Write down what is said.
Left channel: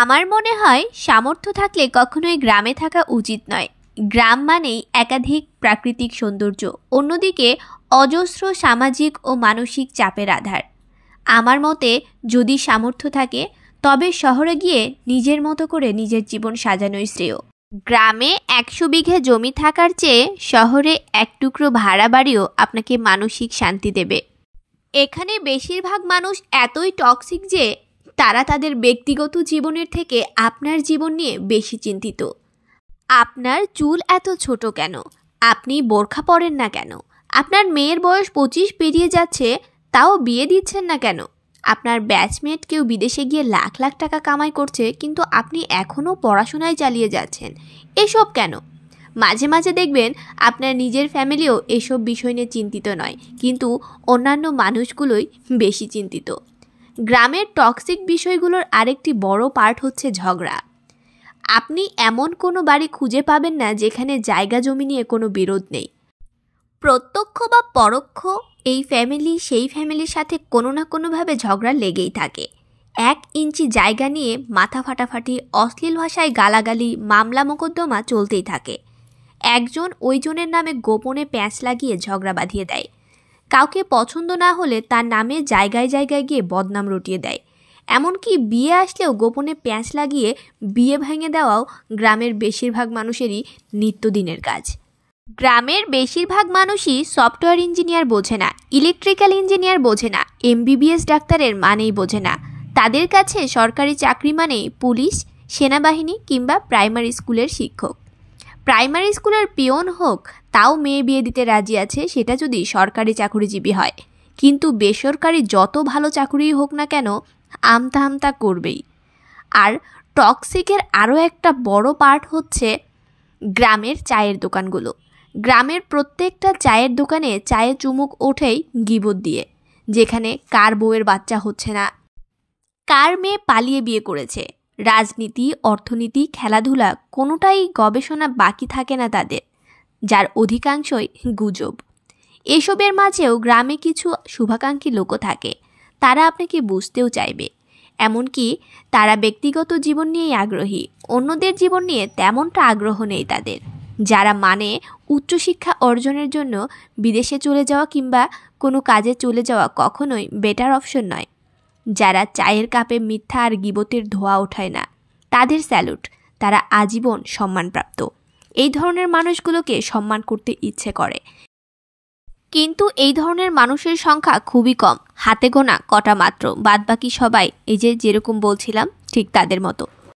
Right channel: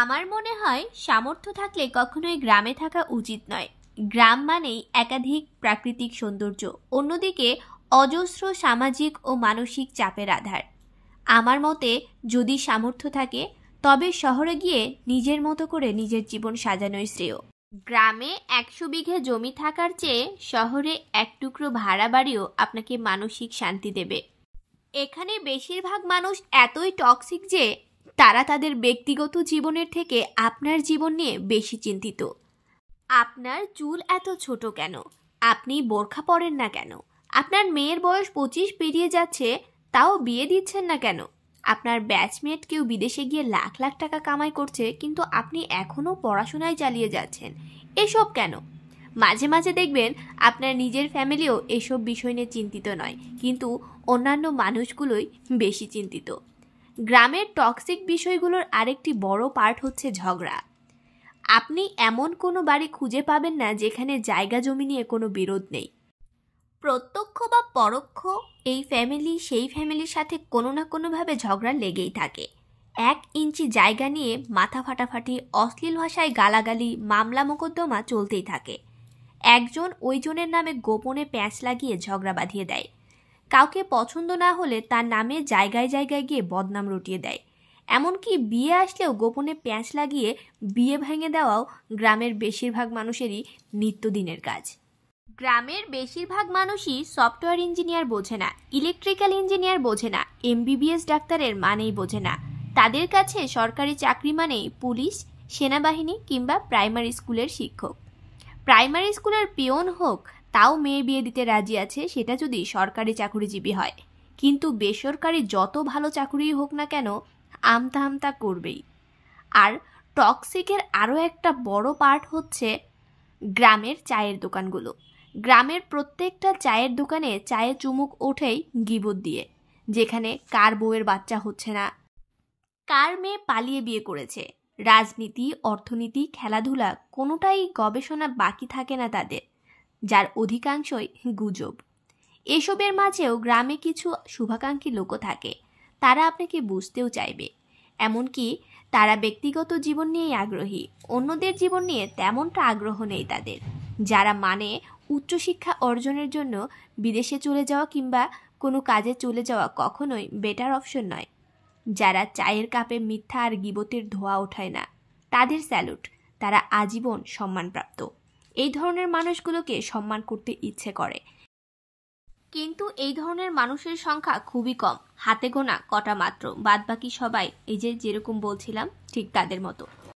আমার মনে হয় সামর্থ্য থাকলে কখনোই গ্রামে থাকা উচিত নয়। গ্রাম মানেই একাধিক প্রাকৃতিক সৌন্দর্য, অন্যদিকে অজস্র সামাজিক ও মানসিক চাপের আধার। আমার মতে যদি সামর্থ্য থাকে তবে শহরে গিয়ে নিজের মতো করে নিজের জীবন সাজানোই শ্রেয়। গ্রামে 100 বিঘে জমি থাকার চেয়ে শহরে এক টুকরো ভাড়া বাড়িও আপনাকে মানসিক শান্তি দেবে। এখানে বেশিরভাগ মানুষ এতই টক্সিক যে তারা তাদের ব্যক্তিগত জীবনের থেকে আপনার জীবন নিয়ে বেশি চিন্তিত। আপনার চুল এত ছোট কেন? আপনি বোরখা পরেন না কেন? আপনার মেয়ের বয়স 25 পেরিয়ে যাচ্ছে, তাও বিয়ে দিচ্ছেন না কেন? আপনার ব্যাচমেট কেউ বিদেশে গিয়ে লাখ লাখ টাকা কামাই করছে, কিন্তু আপনি এখনও পড়াশোনায় চালিয়ে যাচ্ছেন। এসব কেন? মাঝে মাঝে দেখবেন আপনার নিজের ফ্যামিলিও এসব বিষয় নিয়ে চিন্তিত নয়, কিন্তু অন্যান্য মানুষগুলোই বেশি চিন্তিত। গ্রামের টক্সিক বিষয়গুলোর আরেকটি বড় পার্ট হচ্ছে ঝগড়া। আপনি এমন কোনো বাড়ি খুঁজে পাবেন না যেখানে জায়গা জমি নিয়ে কোনো বিরোধ নেই। প্রত্যক্ষ বা পরোক্ষ এই ফ্যামিলি সেই ফ্যামিলির সাথে কোনো না কোনোভাবে ঝগড়া লেগেই থাকে। 1 ইঞ্চি জায়গা নিয়ে মাথা ফাটাফাটি, অশ্লীল ভাষায় গালাগালি, মামলা মোকদ্দমা চলতেই থাকে। একজন ওইজনের নামে গোপনে প্যাঁচ লাগিয়ে ঝগড়া বাঁধিয়ে দেয়। কাউকে পছন্দ না হলে তার নামে জায়গায় জায়গায় গিয়ে বদনাম রটিয়ে দেয়। এমনকি বিয়ে আসলেও গোপনে প্যাঁচ লাগিয়ে বিয়ে ভেঙে দেওয়াও গ্রামের বেশিরভাগ মানুষেরই নিত্যদিনের কাজ। গ্রামের বেশিরভাগ মানুষই সফটওয়্যার ইঞ্জিনিয়ার বোঝে না, ইলেকট্রিক্যাল ইঞ্জিনিয়ার বোঝে না, MBBS ডাক্তারের মানেই বোঝে না। তাদের কাছে সরকারি চাকরি মানেই পুলিশ, সেনাবাহিনী কিংবা প্রাইমারি স্কুলের শিক্ষক। প্রাইমারি স্কুলের পিয়ন হোক, তাও মেয়ে বিয়ে দিতে রাজি আছে, সেটা যদি সরকারি চাকরিজীবী হয়। কিন্তু বেসরকারি যত ভালো চাকরিই হোক না কেন, আমতা আমতা করবেই। আর টক্সিকের আরও একটা বড় পার্ট হচ্ছে গ্রামের চায়ের দোকানগুলো। গ্রামের প্রত্যেকটা চায়ের দোকানে চায়ে চুমুক ওঠেই গিবত দিয়ে, যেখানে কার বউয়ের বাচ্চা হচ্ছে না, কার মেয়ে পালিয়ে বিয়ে করেছে। রাজনীতি, অর্থনীতি, খেলাধুলা কোনোটাই গবেষণা বাকি থাকে না তাদের, যার অধিকাংশই গুজব। এসবের মাঝেও গ্রামে কিছু শুভাকাঙ্ক্ষী লোকও থাকে, তারা আপনাকে বুঝতেও চাইবে। এমনকি তারা ব্যক্তিগত জীবন নিয়েই আগ্রহী, অন্যদের জীবন নিয়ে তেমনটা আগ্রহ নেই তাদের। যারা মানে উচ্চশিক্ষা অর্জনের জন্য বিদেশে চলে যাওয়া কিংবা কোনো কাজে চলে যাওয়া কখনোই বেটার অপশন নয়। যারা চায়ের কাপে মিথ্যা আর গিবতের ধোঁয়া ওঠায় না, তাদের স্যালুট, তারা আজীবন সম্মানপ্রাপ্ত। এই ধরনের মানুষগুলোকে সম্মান করতে ইচ্ছে করে, কিন্তু এই ধরনের মানুষের সংখ্যা খুবই কম, হাতে গোনা কটা মাত্র। বাদবাকি সবাই এই যে যেরকম বলছিলাম ঠিক তাদের মতো।